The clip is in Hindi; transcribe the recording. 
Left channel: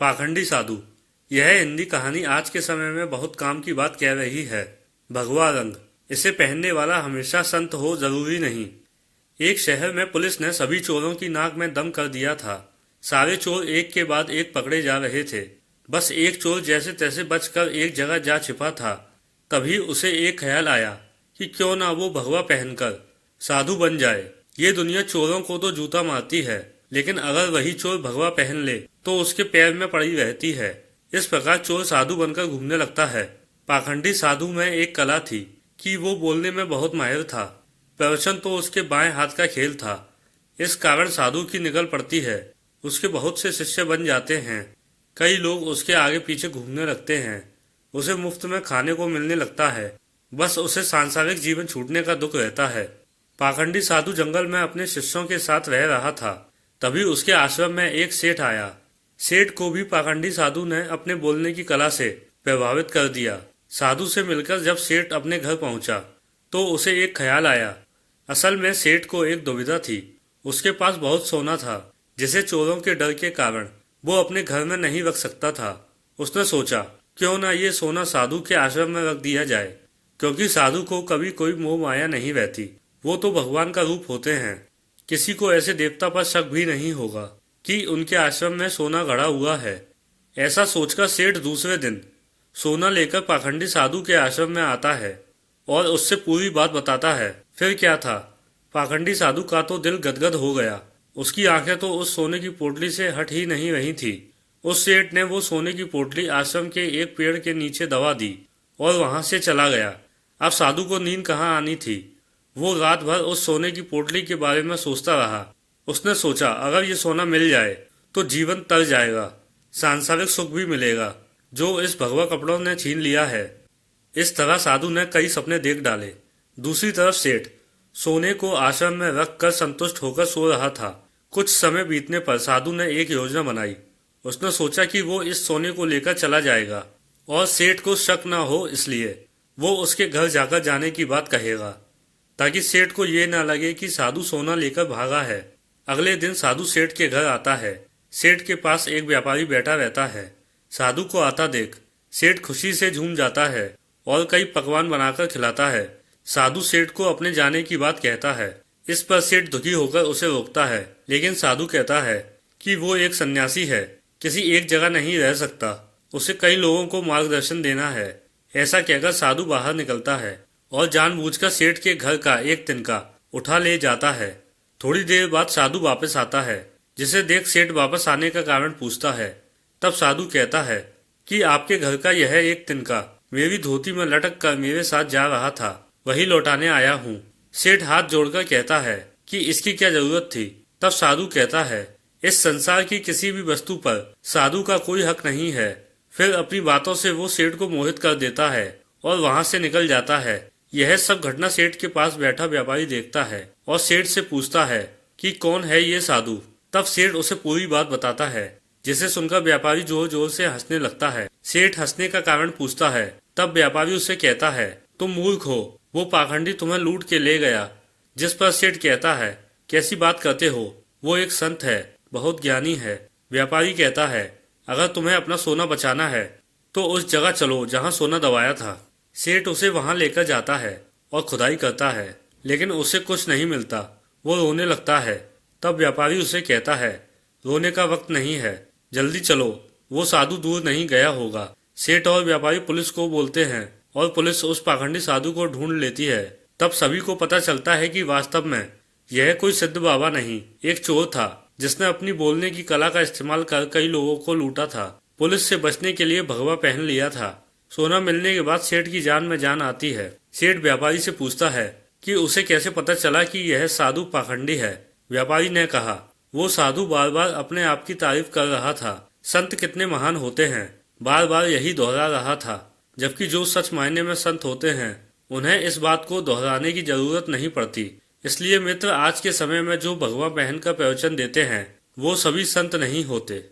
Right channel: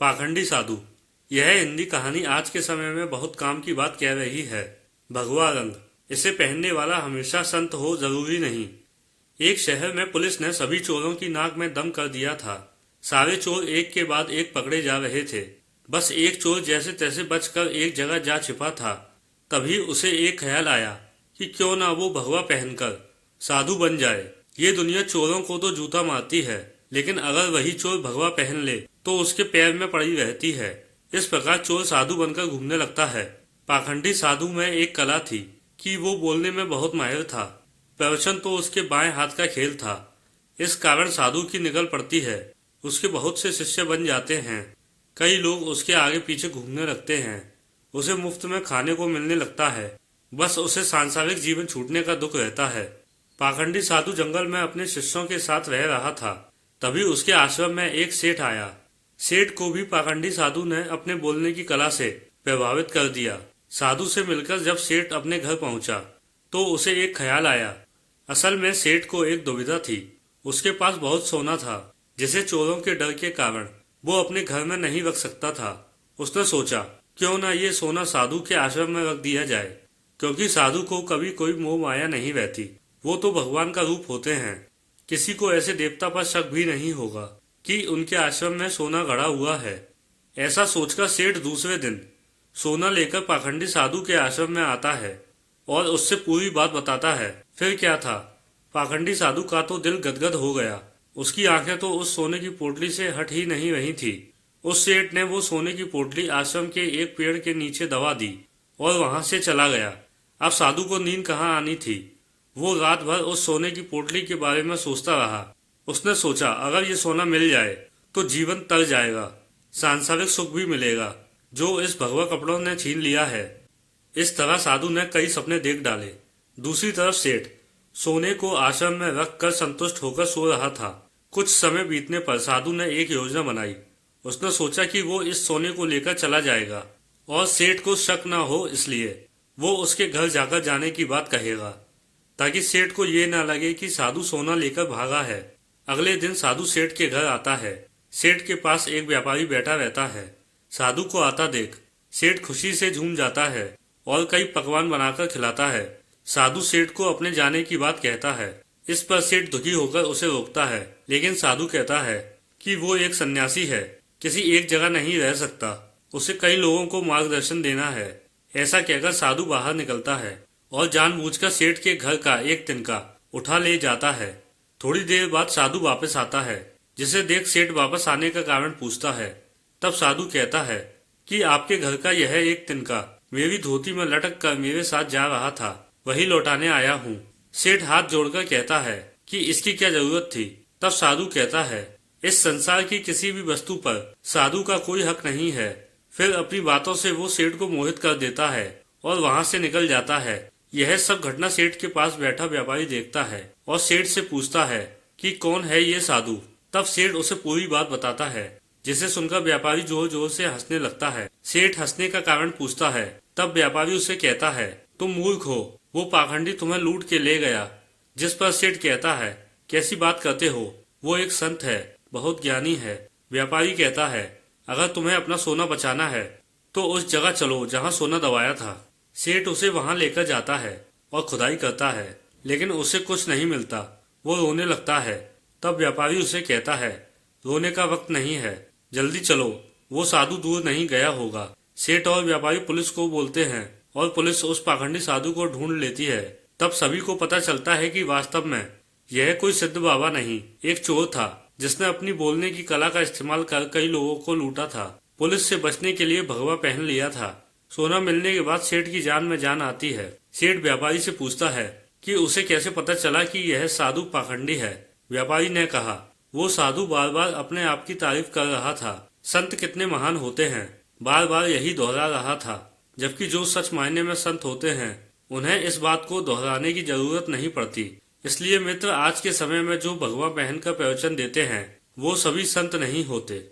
पाखंडी साधु। यह हिंदी कहानी आज के समय में बहुत काम की बात कह रही है। भगवा रंग, इसे पहनने वाला हमेशा संत हो जरूरी नहीं। एक शहर में पुलिस ने सभी चोरों की नाक में दम कर दिया था। सारे चोर एक के बाद एक पकड़े जा रहे थे। बस एक चोर जैसे तैसे बचकर एक जगह जा छिपा था। तभी उसे एक ख्याल आया कि क्यों ना वो भगवा पहनकर साधु बन जाए। ये दुनिया चोरों को तो जूता मारती है, लेकिन अगर वही चोर भगवा पहन ले तो उसके पैर में पड़ी रहती है। इस प्रकार चोर साधु बनकर घूमने लगता है। पाखंडी साधु में एक कला थी कि वो बोलने में बहुत माहिर था। प्रवचन तो उसके बाएं हाथ का खेल था। इस कारण साधु की निकल पड़ती है। उसके बहुत से शिष्य बन जाते हैं। कई लोग उसके आगे पीछे घूमने लगते हैं। उसे मुफ्त में खाने को मिलने लगता है। बस उसे सांसारिक जीवन छूटने का दुख रहता है। पाखंडी साधु जंगल में अपने शिष्यों के साथ रह रहा था। तभी उसके आश्रम में एक सेठ आया। सेठ को भी पाखंडी साधु ने अपने बोलने की कला से प्रभावित कर दिया। साधु से मिलकर जब सेठ अपने घर पहुंचा तो उसे एक ख्याल आया। असल में सेठ को एक दुविधा थी। उसके पास बहुत सोना था, जिसे चोरों के डर के कारण वो अपने घर में नहीं रख सकता था। उसने सोचा क्यों ना ये सोना साधु के आश्रम में रख दिया जाए, क्योंकि साधु को कभी कोई मोह माया नहीं रहती। वो तो भगवान का रूप होते हैं। किसी को ऐसे देवता पर शक भी नहीं होगा कि उनके आश्रम में सोना गड़ा हुआ है। ऐसा सोचकर सेठ दूसरे दिन सोना लेकर पाखंडी साधु के आश्रम में आता है और उससे पूरी बात बताता है। फिर क्या था, पाखंडी साधु का तो दिल गदगद हो गया। उसकी आंखें तो उस सोने की पोटली से हट ही नहीं रही थी। उस सेठ ने वो सोने की पोटली आश्रम के एक पेड़ के नीचे दबा दी और वहां से चला गया। अब साधु को नींद कहाँ आनी थी। वो रात भर उस सोने की पोटली के बारे में सोचता रहा। उसने सोचा अगर ये सोना मिल जाए तो जीवन तर जाएगा, सांसारिक सुख भी मिलेगा जो इस भगवा कपड़ों ने छीन लिया है। इस तरह साधु ने कई सपने देख डाले। दूसरी तरफ सेठ सोने को आश्रम में रख कर संतुष्ट होकर सो रहा था। कुछ समय बीतने पर साधु ने एक योजना बनाई। उसने सोचा कि वो इस सोने को लेकर चला जाएगा और सेठ को शक न हो, इसलिए वो उसके घर जाकर जाने की बात कहेगा, ताकि सेठ को ये न लगे कि साधु सोना लेकर भागा है। अगले दिन साधु सेठ के घर आता है। सेठ के पास एक व्यापारी बैठा रहता है। साधु को आता देख सेठ खुशी से झूम जाता है और कई पकवान बनाकर खिलाता है। साधु सेठ को अपने जाने की बात कहता है। इस पर सेठ दुखी होकर उसे रोकता है, लेकिन साधु कहता है कि वो एक सन्यासी है, किसी एक जगह नहीं रह सकता, उसे कई लोगों को मार्गदर्शन देना है। ऐसा कहकर साधु बाहर निकलता है और जानबूझकर सेठ के घर का एक तिनका उठा ले जाता है। थोड़ी देर बाद साधु वापस आता है, जिसे देख सेठ वापस आने का कारण पूछता है। तब साधु कहता है कि आपके घर का यह एक तिनका मेरी धोती में लटक कर मेरे साथ जा रहा था, वही लौटाने आया हूँ। सेठ हाथ जोड़कर कहता है कि इसकी क्या जरूरत थी। तब साधु कहता है इस संसार की किसी भी वस्तु पर साधु का कोई हक नहीं है। फिर अपनी बातों से वो सेठ को मोहित कर देता है और वहाँ से निकल जाता है। यह सब घटना सेठ के पास बैठा व्यापारी देखता है और सेठ से पूछता है कि कौन है ये साधु। तब सेठ उसे पूरी बात बताता है, जिसे सुनकर व्यापारी जोर जोर से हंसने लगता है। सेठ हंसने का कारण पूछता है। तब व्यापारी उसे कहता है तुम मूर्ख हो, वो पाखंडी तुम्हें लूट के ले गया। जिस पर सेठ कहता है कैसी बात करते हो, वो एक संत है, बहुत ज्ञानी है। व्यापारी कहता है अगर तुम्हें अपना सोना बचाना है तो उस जगह चलो जहाँ सोना दबाया था। सेठ उसे वहां लेकर जाता है और खुदाई करता है, लेकिन उसे कुछ नहीं मिलता। वो रोने लगता है। तब व्यापारी उसे कहता है रोने का वक्त नहीं है, जल्दी चलो, वो साधु दूर नहीं गया होगा। सेठ और व्यापारी पुलिस को बोलते हैं और पुलिस उस पाखंडी साधु को ढूंढ लेती है। तब सभी को पता चलता है कि वास्तव में यह कोई सिद्ध बाबा नहीं, एक चोर था, जिसने अपनी बोलने की कला का इस्तेमाल कर कई लोगों को लूटा था। पुलिस से बचने के लिए भगवा पहन लिया था। सोना मिलने के बाद सेठ की जान में जान आती है। सेठ व्यापारी से पूछता है कि उसे कैसे पता चला कि यह साधु पाखंडी है। व्यापारी ने कहा वो साधु बार बार अपने आप की तारीफ कर रहा था। संत कितने महान होते हैं, बार बार यही दोहरा रहा था। जबकि जो सच मायने में संत होते हैं उन्हें इस बात को दोहराने की जरूरत नहीं पड़ती। इसलिए मित्र, आज के समय में जो भगवा पहनकर प्रवचन देते हैं वो सभी संत नहीं होते।